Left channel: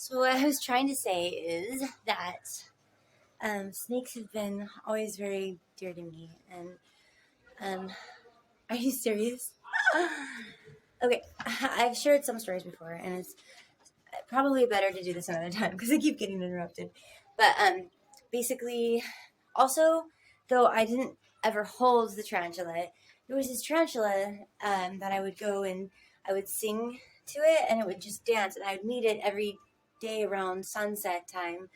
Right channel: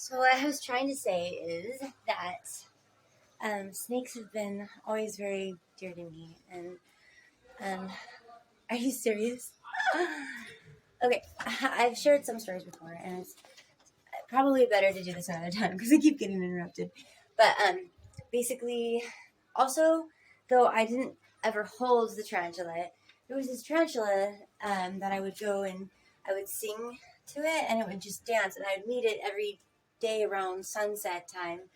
So what I was trying to say is that snakes have been always very dear to me. And are you serious? Okay, I've shared some stories before, and it's probably better to do this another time because I keep getting interrupted. But basically, also, though I didn't ever hold the tarantula, there was this tarantula that I would go and I would sing to it, and it would just dance, and I would meet it every day around sunset time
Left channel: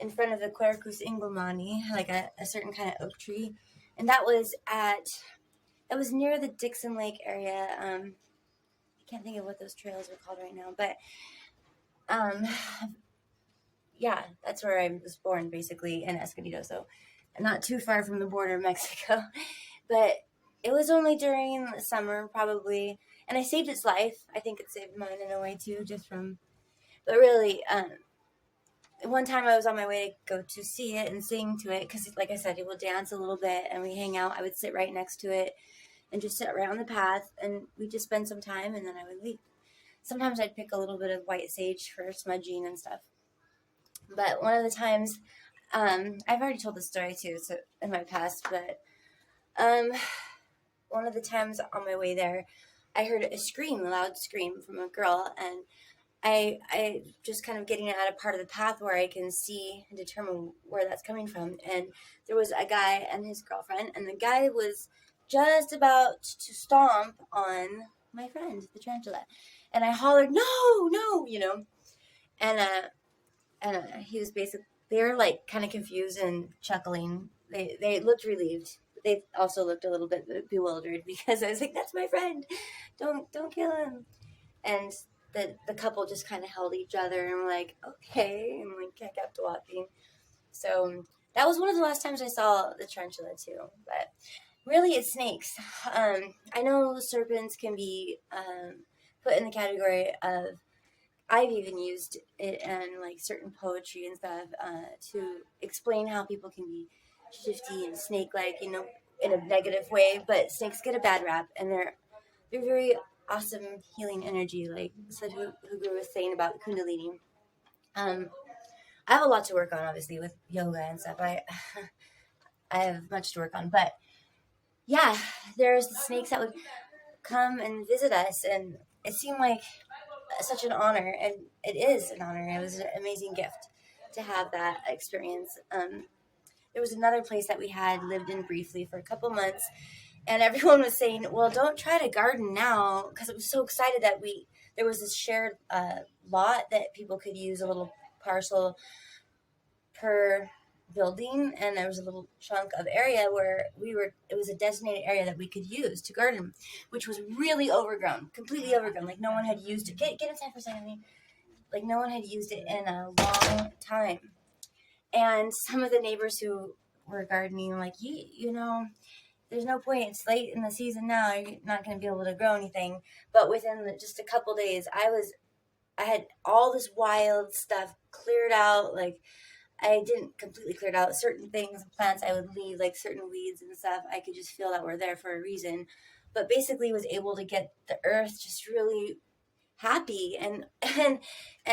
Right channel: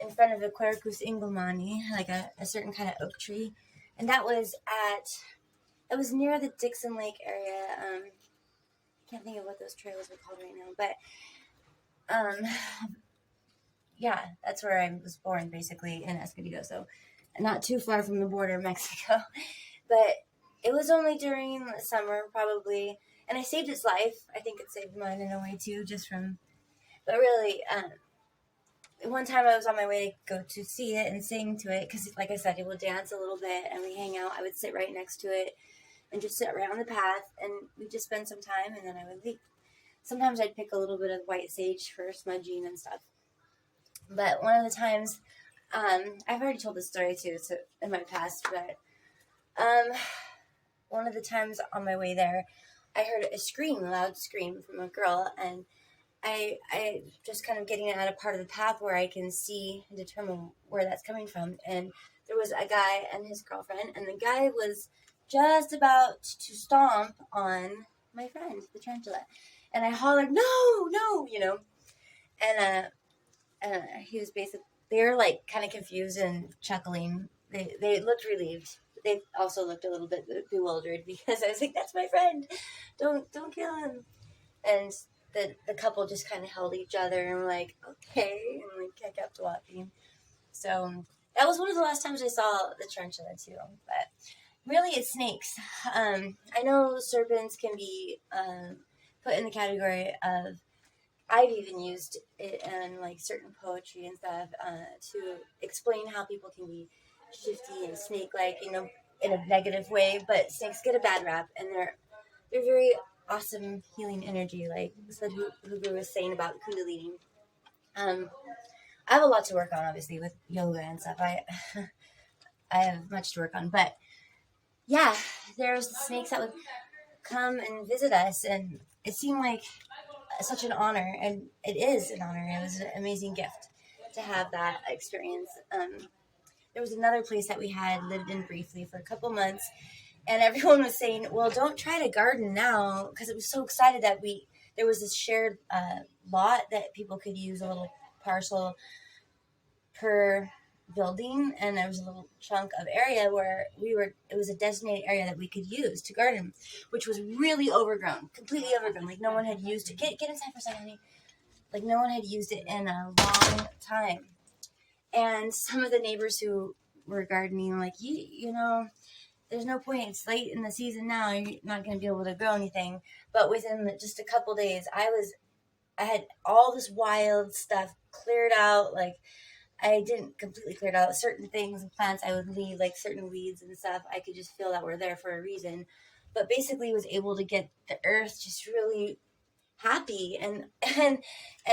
in front of the Quercus Engelmanni, like a certain kind of oak tree, and it was near the Dixon Lake area. I can't think of what those trails were called right now, but um, yeah, that's where I was born, basically, in Escondido, so not too far from the border of Mexico. But it was only during the summer, probably, and I saved its life. I think it saved mine in a way, too, but really, one time I was on my way to go to see it and sing to it, because, like I said, it will dance a little bit, and we hang out. I would sit right next to it and just sit right on the path, and we'd just spend some time, and then I would leave. Sometimes I'd pick a little bit of white sage for smudging and stuff. But one of the times, I've already told this story too, so in my past, but um, one of the times on my way there, I heard a loud scream from a girl, and I just kind of getting at a part of the path where I can see and determine where that's coming from. And there was a guy and his girlfriend, and the guy was just about to stomp on my friend, the tarantula. And I hollered, no, no, and he was basically, they were like kind of confused and chuckling. They looked relieved. They also looked a little bit bewildered because I was like, "That's my friend, don't kill him." And the couple just kind of held each other and were like, "Okay," and like I kept walking. So that was one of the last times I saw the tarantula too. But really, it's snakes. I know serpents can be put in the category of, I've even used it in like certain poetry and stuff to explain how people can be shifty and snake-like, in a negative way. But snakes get a bad rap, and they're very awesome healing energy, like said Hugo was saying about Kundalini. Um, I have a lot to work on, obviously, with yoga and stuff. I have much to work on, but yeah, there's the snakes that would come and visit us, and it seemed like such an honor, and it is an honor. It was an amazing gift to have that experience. There was another place that we had lived in briefly for a couple months, and everyone was saying, "Well, don't try to garden now," because it was so excited that there was this shared lot that people could use, a little parcel per building, and there was a little chunk of area where it was a designated area that we could use to garden, which was really overgrown, completely overgrown, like no one had used it. Get inside for a second, honey. Like no one had used it in a long time. And some of the neighbors who were gardening were like, you know, there's no point, it's late in the season now, you're not going to be able to grow anything. But within just a couple days, I had all this wild stuff cleared out. Like, I didn't completely clear it out. Certain things and plants I would leave, like certain weeds and stuff, I could just feel that were there for a reason. But basically was able to get the earth just really happy, and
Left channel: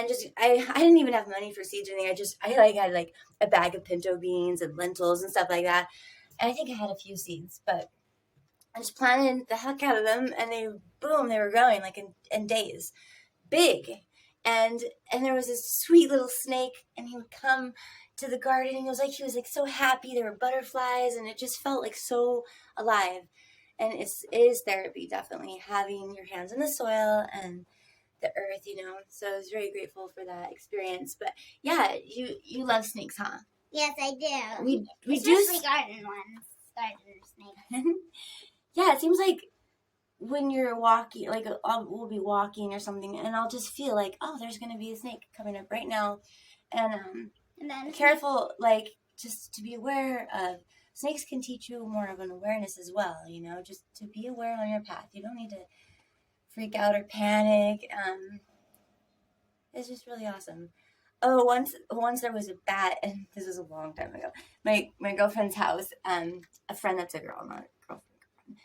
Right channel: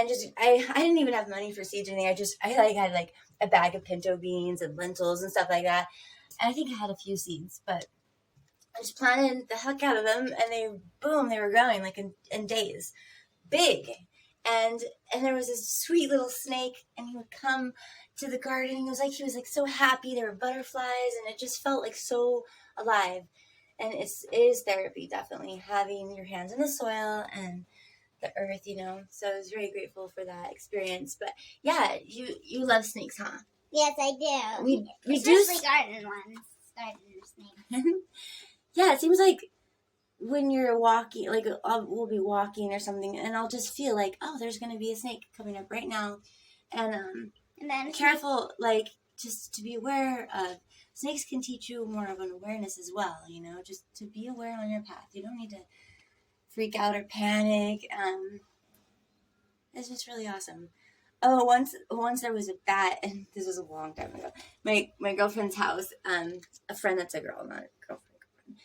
just I didn't even have money for seeds or anything. I had like a bag of pinto beans and lentils and stuff like that. And I think I had a few seeds, but I just planted the heck out of them, and they were growing like in days. Big. And there was this sweet little snake, and he would come to the garden, and he was like so happy. There were butterflies, and it just felt like so alive. And it is therapy, definitely, having your hands in the soil and the earth, so I was very grateful for that experience. But yeah, you love snakes, huh? Yes, I do. We Especially garden ones. Garden snakes. Yeah, it seems like when you're walking, like we'll be walking or something, and I'll just feel like, oh, there's gonna be a snake coming up right now, and then careful, like just to be aware of. Snakes can teach you more of an awareness as well, just to be aware on your path. You don't need to freak out or panic. It's just really awesome. Oh, once there was a bat, and this was a long time ago. My girlfriend's house, a friend that's a girl, not a girlfriend,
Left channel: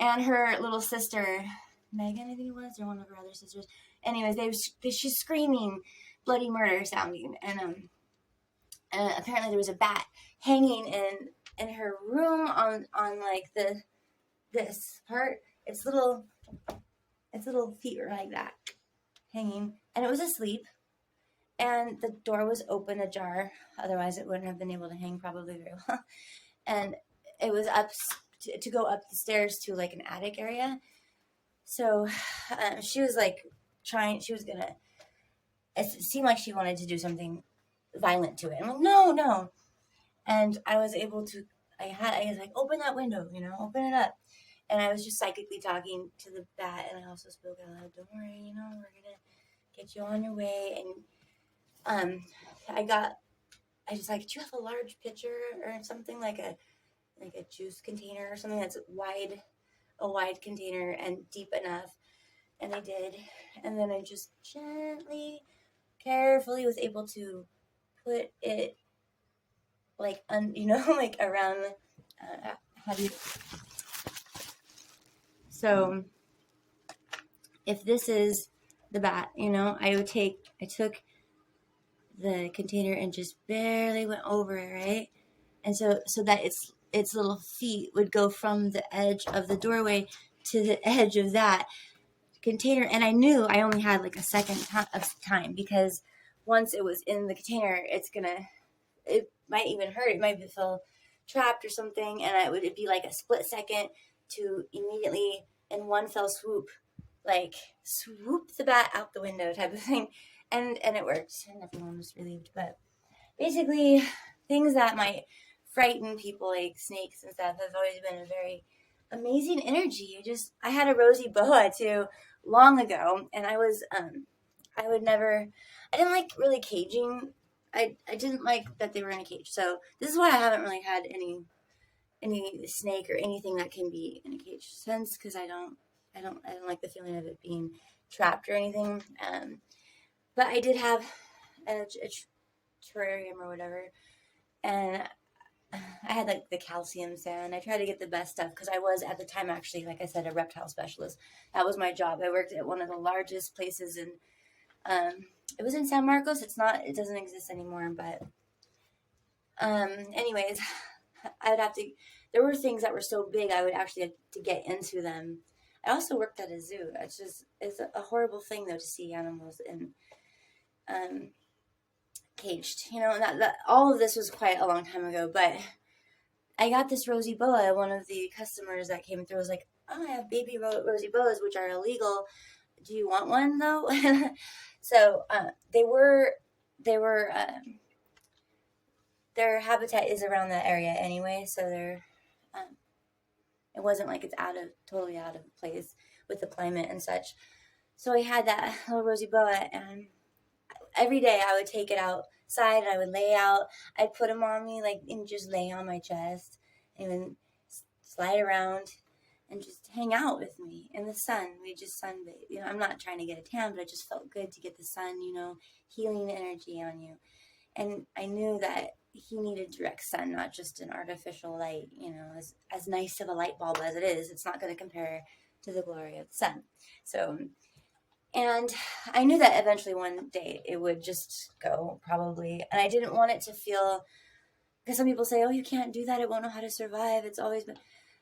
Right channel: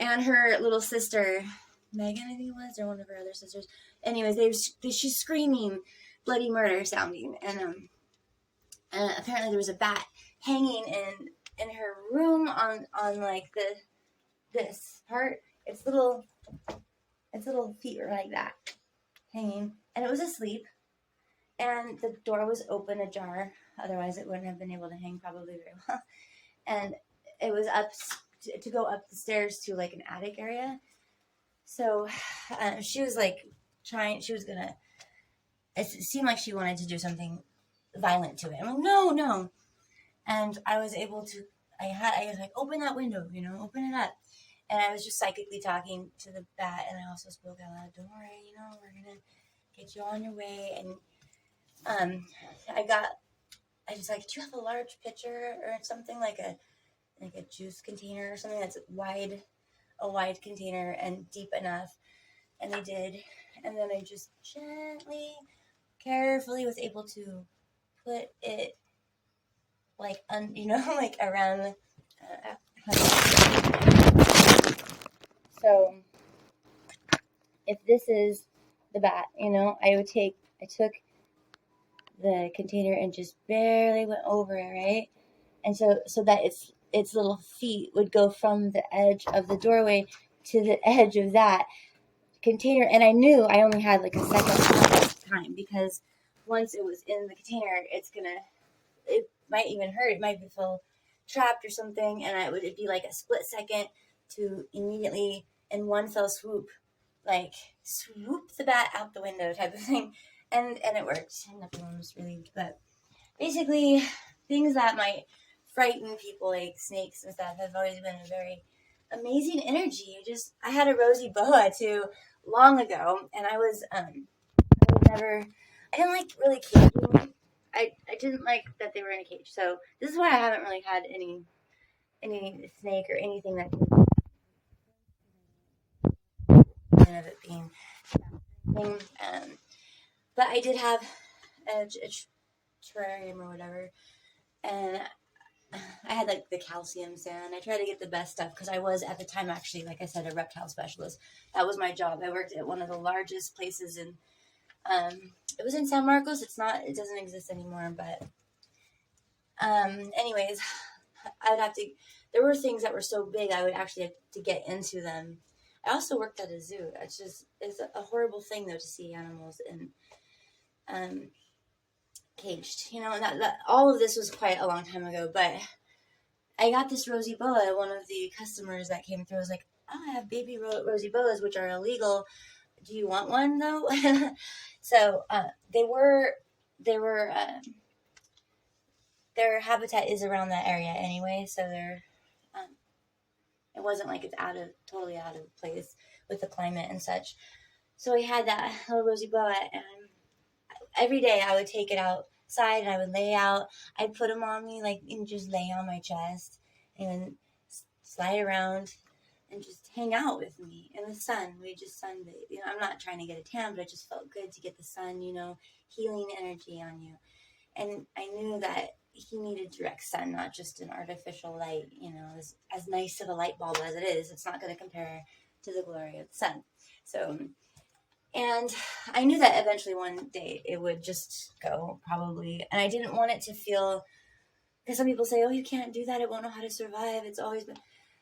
and her little sister, Megan, I think it was, or one of her other sisters. Anyways, she's screaming bloody murder sounding. And apparently there was a bat hanging in her room on like this part. Its little feet were like that, hanging, and it was asleep. And the door was open ajar. Otherwise, it wouldn't have been able to hang probably very well. And it was up to go up the stairs to like an attic area. So she was like she was gonna, it seemed like she wanted to do something violent to it. I'm like, no. And I was able to, I was like, open that window, open it up. And I was just psychically talking to the bat, and I also spoke out loud, don't worry, we're gonna get you on your way. And I just like, do you have a large pitcher or something, like a juice container or something that's a wide container and deep enough? And they did. And then I just gently, carefully was able to put it like, like around, so if this is the bat, I took the container and just barely went over it, right? And so that its little feet would go from the edge of the doorway to the edge of that container. And I knew I only had like a second time, because once it was in the container, it might even hurt. It might feel trapped or something. And it'd be like a split second to immediately, in one fell swoop, like swoop the bat out the window type of thing. And it worked, and everyone was relieved. But basically, things that might frighten people, like snakes and stuff, have always been a very amazing energy. I had a rosy boa too long ago, and I didn't like really caging. I didn't like that they were in a cage. So this is why I haven't really had any snake or anything that can be in a cage since, because I don't like the feeling of it being trapped or anything. But I did have a terrarium or whatever, and I had like the calcium sand. I tried to get the best stuff, because I was at the time actually, like I said, a reptile specialist. That was my job. I worked at one of the largest places in, it was in San Marcos. It doesn't exist anymore, but anyways, there were things that were so big I would actually have to get into them. I also worked at a zoo. It's a horrible thing though to see animals in caged. That all of this was quite a long time ago, but I got this rosy boa. One of the customers that came through was like, "Oh, I have baby rosy boas, which are illegal. Do you want one though?" So their habitat is around that area anyway, so it wasn't like it's totally out of place with the climate and such. So we had that little rosy boa, and every day I would take it outside and I would lay out. I'd put him on me, like, and just lay on my chest and then slide around and just hang out with me in the sun. We just sunbathe. I'm not trying to get a tan, but it just felt good to get the sun, healing energy on you. And I knew that he needed direct sun, not just an artificial light. As nice of a light bulb as it is, it's not going to compare to the glory of the sun. So, and I knew that eventually one day it would just go, probably. And I didn't want it to feel, because some people say, oh, you can't do that, it won't know how to survive. It's always been.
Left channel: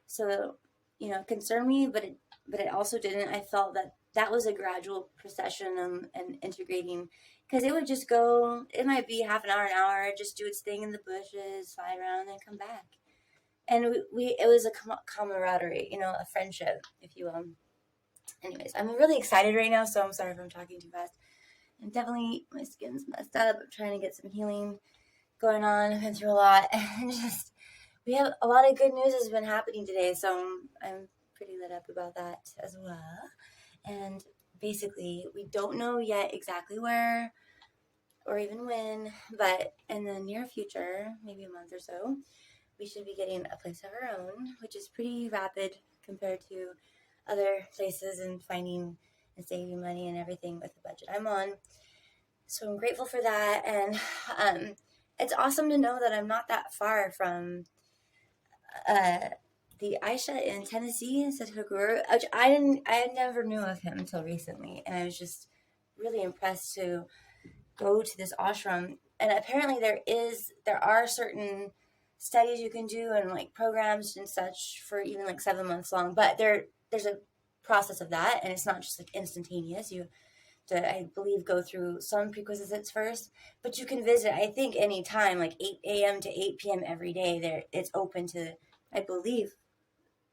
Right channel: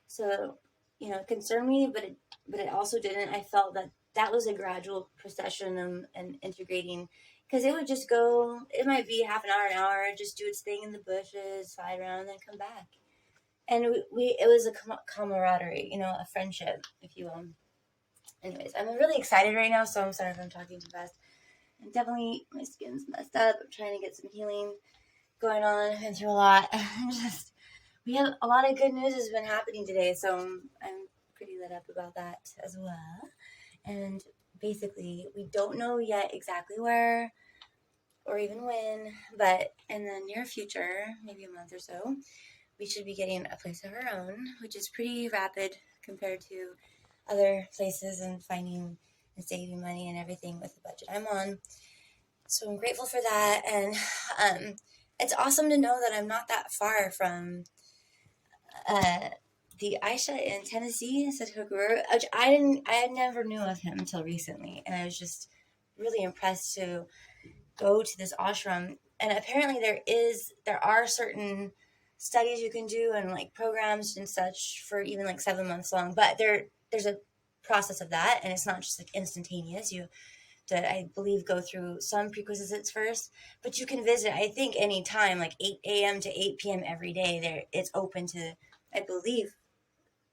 So, it concerned me, but it also didn't. I felt that was a gradual procession and integrating, because it would just go, it might be half an hour, just do its thing in the bushes, slide around, and then come back. And it was a camaraderie, a friendship, if you will. Anyways, I'm really excited right now, so I'm sorry if I'm talking too fast. And definitely my skin's messed up. I'm trying to get some healing going on. I've been through a lot. And we have a lot of good news has been happening today, so I'm pretty lit up about that as well. And basically, we don't know yet exactly where or even when, but in the near future, maybe a month or so, we should be getting a place of our own, which is pretty rapid compared to other places and finding and saving money and everything with the budget I'm on. So I'm grateful for that. And it's awesome to know that I'm not that far from the Aisha in Tennessee, Sadhguru, which I never knew of him until recently. And I was just really impressed to go to this ashram. And apparently there are certain studies you can do and like programs and such for even like 7 months long, but there's a process of that, and it's not just like instantaneous. You to, I believe, go through some prerequisites first, but you can visit, I think, any time, like 8 a.m. to 8 p.m. every day. There, it's open to, I believe,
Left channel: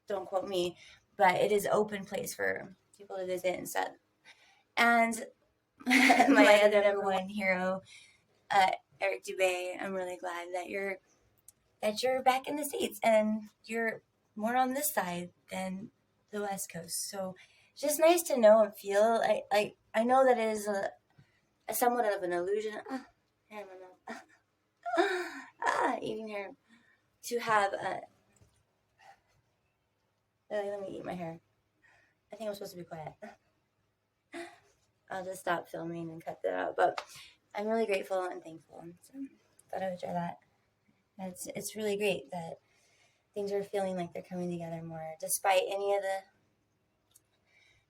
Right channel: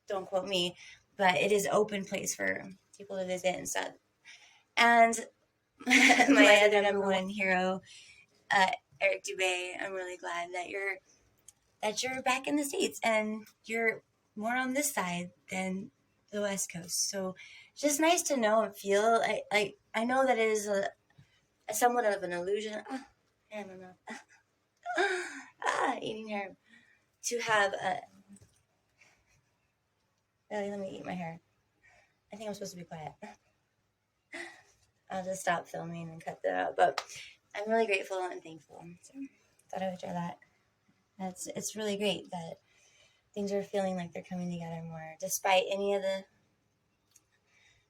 don't quote me, but it is open place for people to visit and stuff. And my other number one hero, Eric Dubé, I'm really glad that you're back in the States and you're more on this side than the West Coast. So it's just nice to know and feel. I know that it is a somewhat of an illusion. I don't know. Eating herb. To have a. Let me eat my hair. I think I'm supposed to be quiet. I'll just stop filming and cut that out. But I'm really grateful and thankful. So thought I would share that. It's really great that things are feeling like they're coming together more, despite any of the.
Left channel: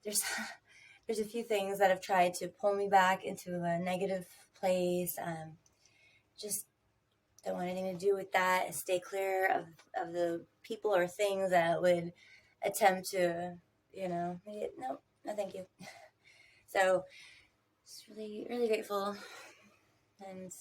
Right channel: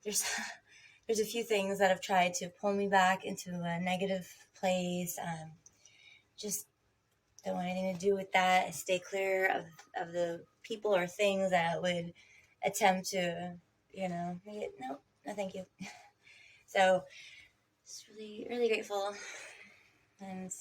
There's a few things that have tried to pull me back into a negative place. Just don't want anything to do with that. I stay clear of the people or things that would attempt to, make it, no, thank you. So, just really, really grateful. And